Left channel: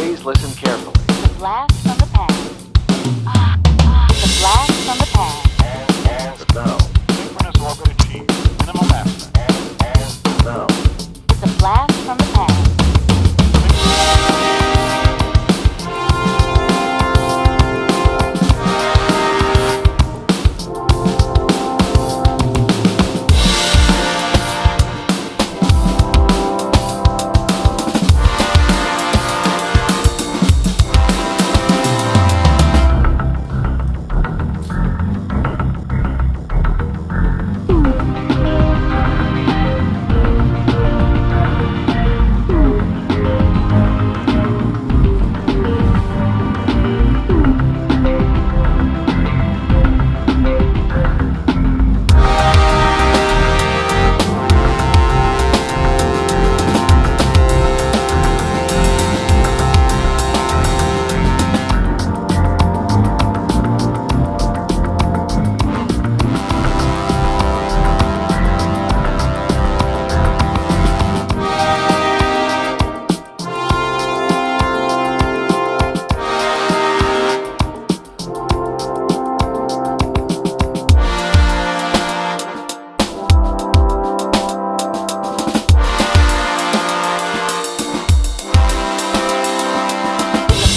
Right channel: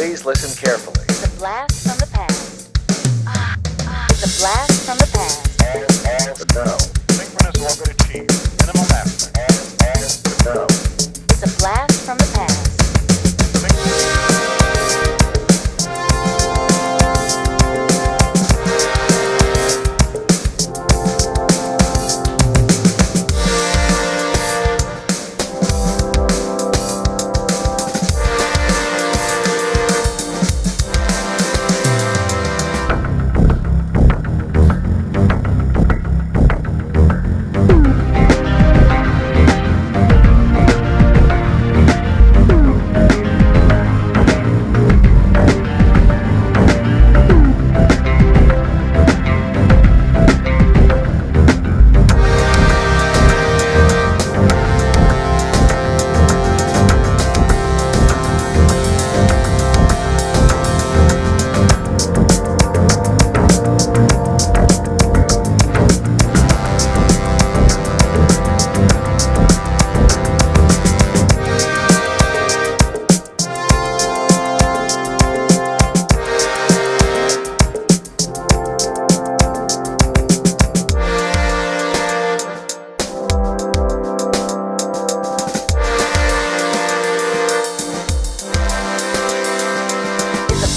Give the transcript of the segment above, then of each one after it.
Please listen carefully. It's a blast from the past. It's a blast from the past. No. Synchronous orbit achieved. Minimal master. No. It's a blast from the past.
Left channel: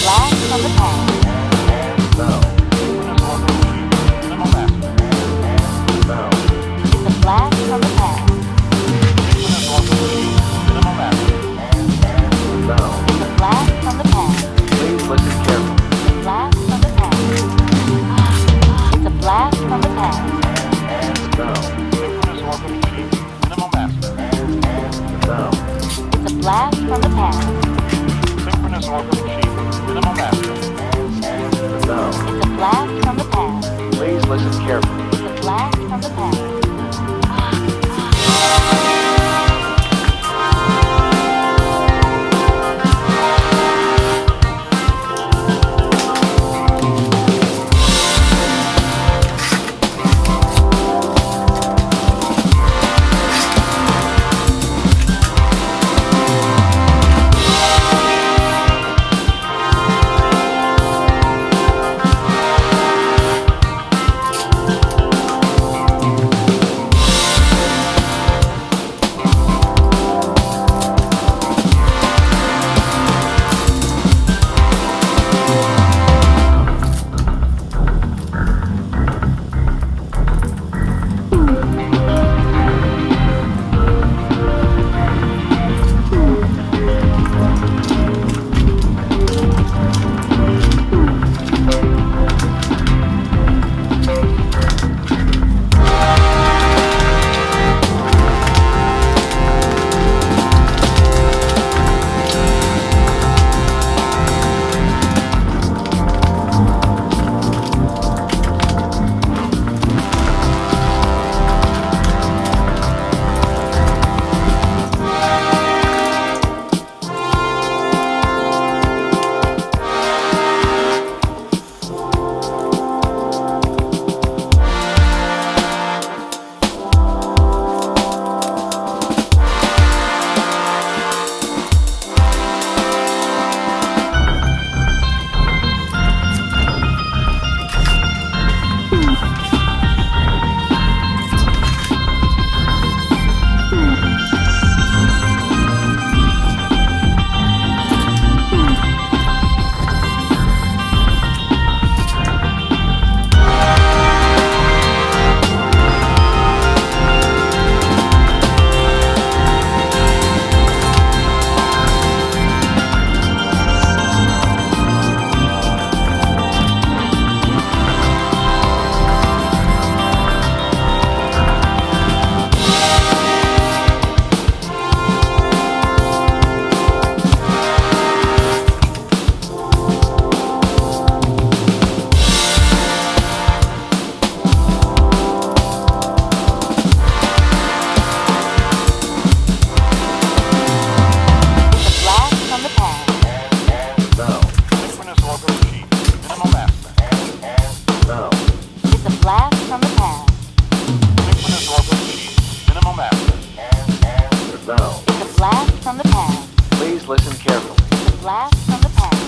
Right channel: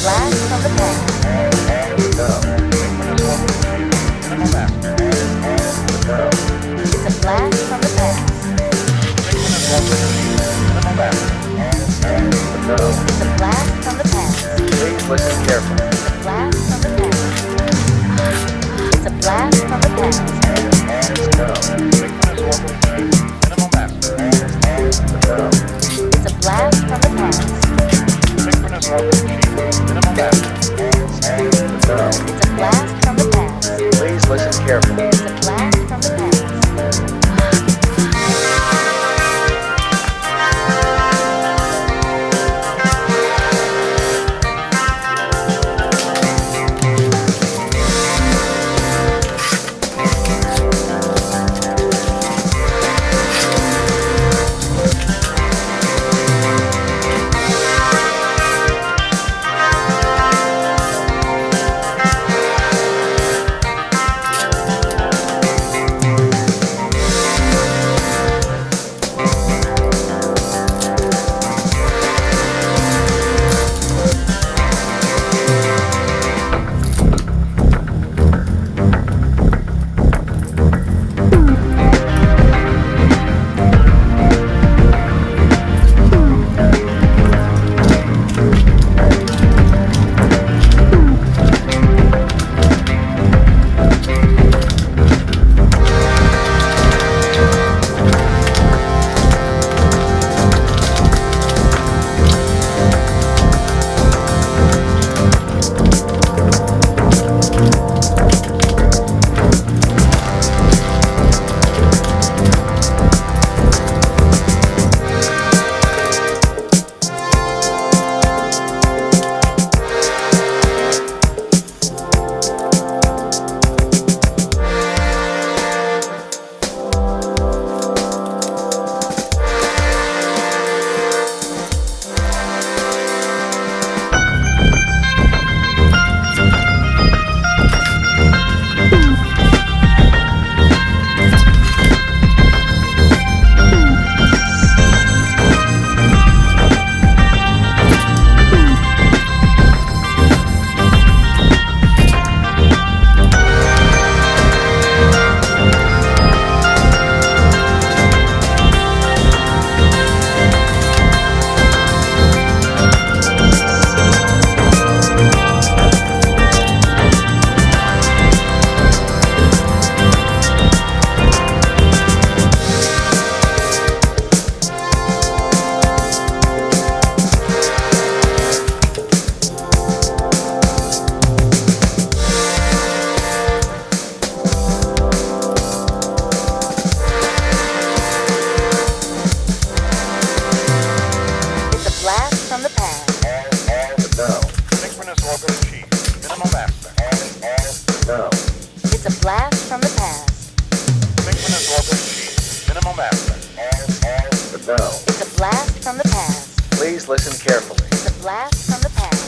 Blast from the past. No. Synchronous orbit achieved. Minimal master. No. It's a blast from the past. Synchronous orbit achieved. Minimal master. No. It's a blast from the past. Please listen carefully. It's a blast from the past. It's a blast from the past. No. Synchronous orbit achieved. Minimal master. No. It's a blast from the past. Synchronous orbit achieved. Minimal master. No. It's a blast from the past. Please listen carefully. It's a blast from the past. No. It's a blast from the past. Please listen carefully. It's a blast from the past.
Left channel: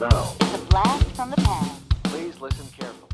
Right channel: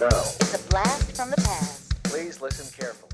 Now, It's a blast from the past. please listen carefully.